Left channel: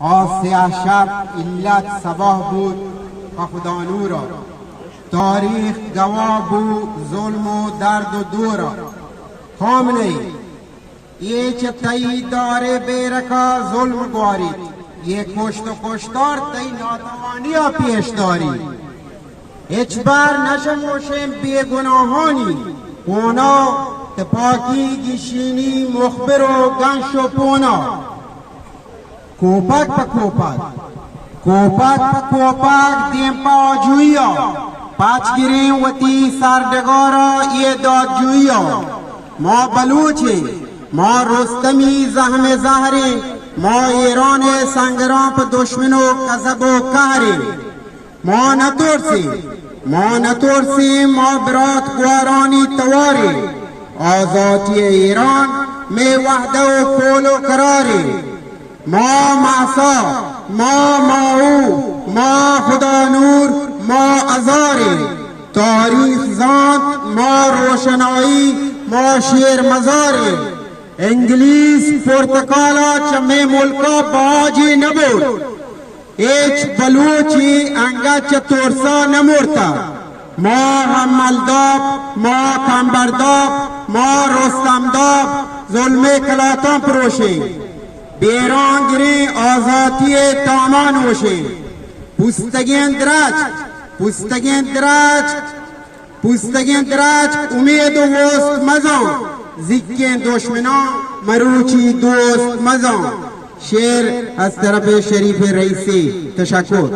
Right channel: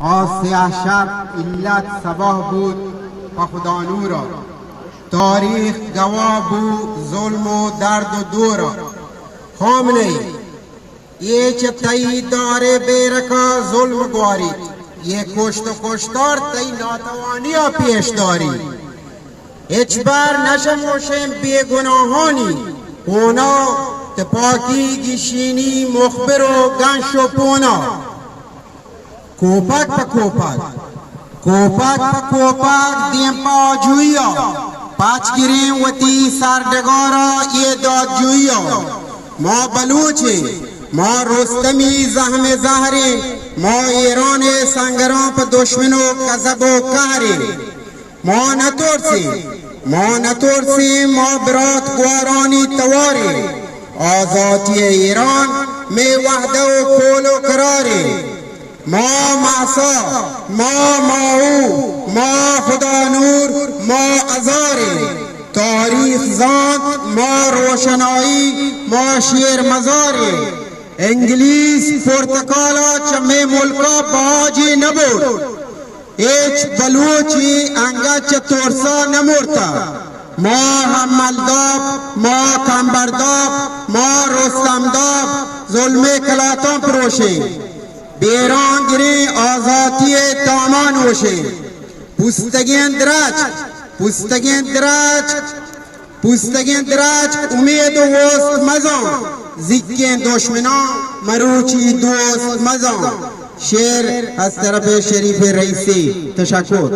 آسیا شب علت صباح بود و خدا نورا. تاریخ گواه بود ظلم و درد و دورا. خامنه یہ چه تایی داره بیرکا ظلم گوارید، یہ کشت و کشتار تایی ناتوانیا پیش داری. هیچ بار نشموشیم بیگناهانی اونا تپاکی گیشینی مخبر و گنش و پونا. کوپک پا کوپک کوپک پا کوپک دیم پا جویا پاچگیری وطی سردگارا یہ داد جویا. ما بلوچے ما رستمی زہم زہرے ما ایران سنگران پا دشمنو کذب و کہرے. ما نترسی ما برات گوارانی توارے. آزادی ایران میں وحدہ و کول و قرارے. ما معصا ما ماؤ ما خدا نور ما ازارے. تاریخ زانت ما روشنائی ما شیر مزارے. انگلیس پرتکالا چمے ملکا باجی نبود. ایچ بلوچی انگا چتورسا نمورتا. ما حملداب ما کمبرداب ما رستمداب ظلم کلاتان پروشے. بیران گری آزادی تامان وشے. پوستگین دراج امید و وست مزان. زکین دشمنان مروچی دوست مزان. شعر از طرف شریف رئیسی. تشکر.